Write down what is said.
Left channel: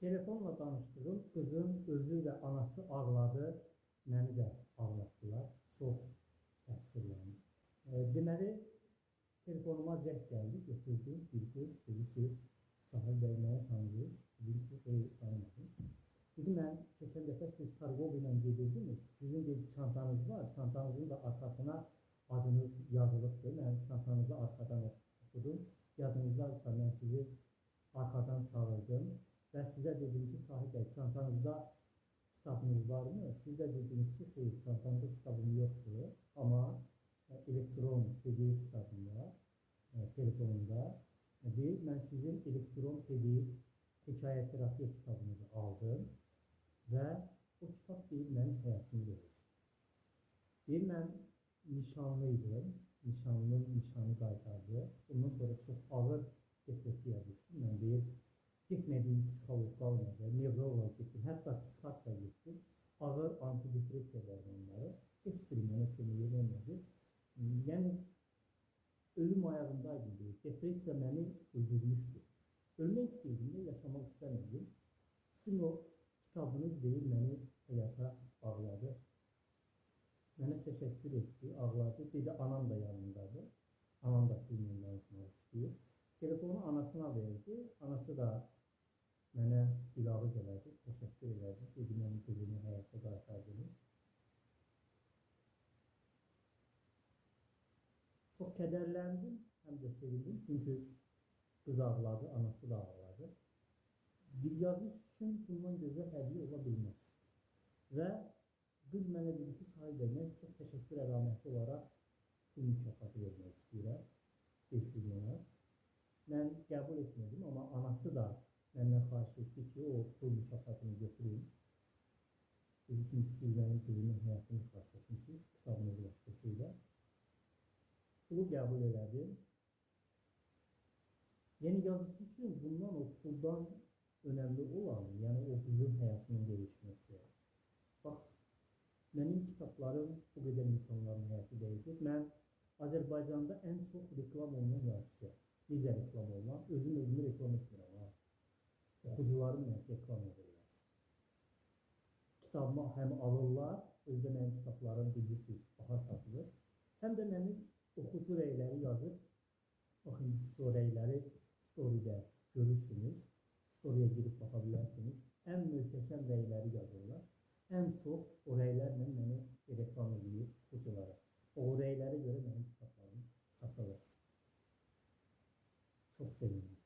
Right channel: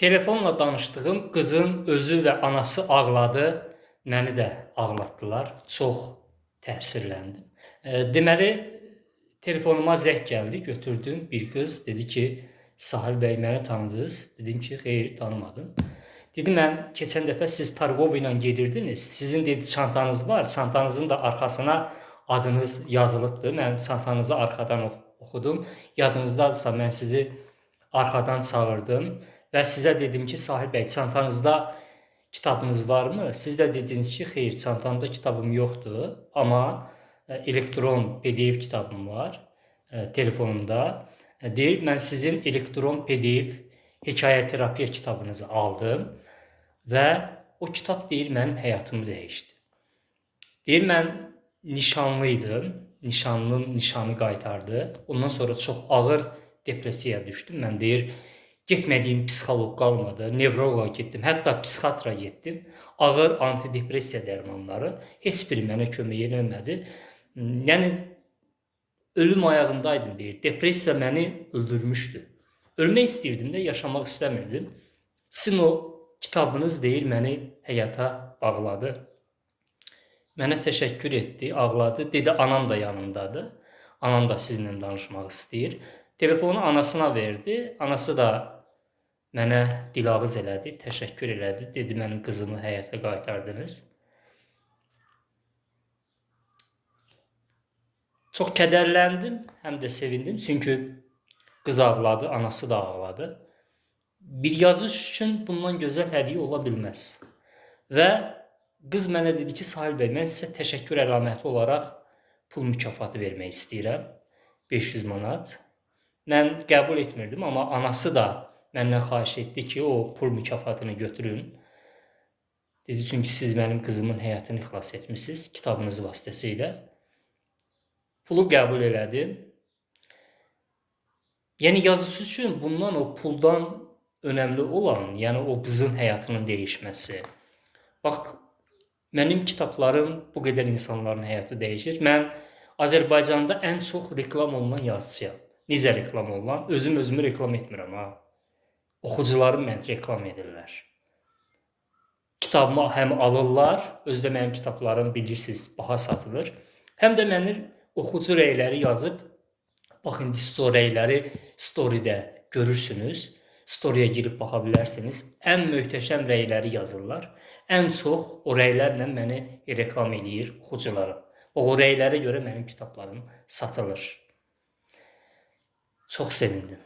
Telefonla danışdığım qızın özü və anası ağladı, məni də ağlatdılar. Çox təsirləndim. Deməli, telefonuma zəng gəldi, götürdüm. Bir qız dedi ki, Sahil bəy məni tanıdınız? Dedim ki, xeyr, tanımadım. Dedi, mən keçən dəfə siz Targov ilə gedirdiniz. Sizin dedi çantanız var. Çantanızın da arxasına adınız yazılıbdır. Mən çantanızı arxadan oxudum. Yadınızdadırsa mən sizi arxadan çağırdım və sizə dedim ki, Sahil bəy, çantanızda kitabınız varmı? Siz də dediniz ki, xeyr, çantamda kitabım yoxdur, amma elektron PDF kitabım var telefonumda. Deyir, mən sizin elektron PDF hekayə terapiya kitabınızı aldım və o kitab deyir, mənim həyatımı dəyişdi. Deyir, mən nişanlıydım, nişanlım nişanı qaytardı. Ondan sonra çox ağır depressiyaya düşdüm. Mən deyir, getmədiyim psixoloq qalmadı, nevroloqa getdim, hətta psixiatra getdim. Ağır antidepressiya dərmanları heç biri mənə kömək eləmədi. Yəni ölüm ayağındaydım deyir. Depressiya məni öldürmüşdü. Ölmək istəyirdim də, yaşamaq istəmirdim. Sizin o kitabınız deyir, məni həyata bağladı. Mənə təşəkkür etdi, ağladı. Dedi, anam da yanındadır. Anam da sizinlə danışmaq istəyir. Telefonu anasına verdi. Anası da mənə dilağız elədi, təşəkkür elədi. Dedi, mənim qızımı həyata qaytardınız. Çox kədərləndim, həm də sevindim. Çünki qız ağladı, anası da ağladı. Bir yazış üçün bundan gözəl hədiyyə ola bilməz. Və qız mənə dedi ki, Sahil bəy, mən sizə təşəkkür əlaməti olaraq pul mükafatı vermək istəyirəm. 500 manat. Mən qəbul etmirdim, amma anası da məndən xahiş etdi ki, o pul mükafatını götürün. Dedi, çünki siz mənim qızımın həyatını xilas etmişsiniz kitabınız vasitəsilə. Pulu qəbul elədim. Yəni yazıcı üçün bundan o puldan önəmli olan, yəni o qızın həyatının dəyişməsi. Bax, mənim kitablarım bu qədər insanların həyatı dəyişir. Mən Azərbaycanda ən çox reklam olunan yazıcıyam. Necə reklam olunan? Özümü reklam etmirəm ha. Oxucularım məni reklam edirlər. Kitabımı həm alırlar, özdə mənim kitablarım bilirsiniz, baha satılır. Həm də məni oxucu rəyləri yazıb, bax indi o rəyləri storydə görürsünüz. Storyyə girib baxa bilərsiniz. Ən möhtəşəm rəyləri yazırlar. Ən çox o rəylərlə məni reklam edir oxucularım. O rəylərə görə mənim kitablarım satılır. Çox sevindim.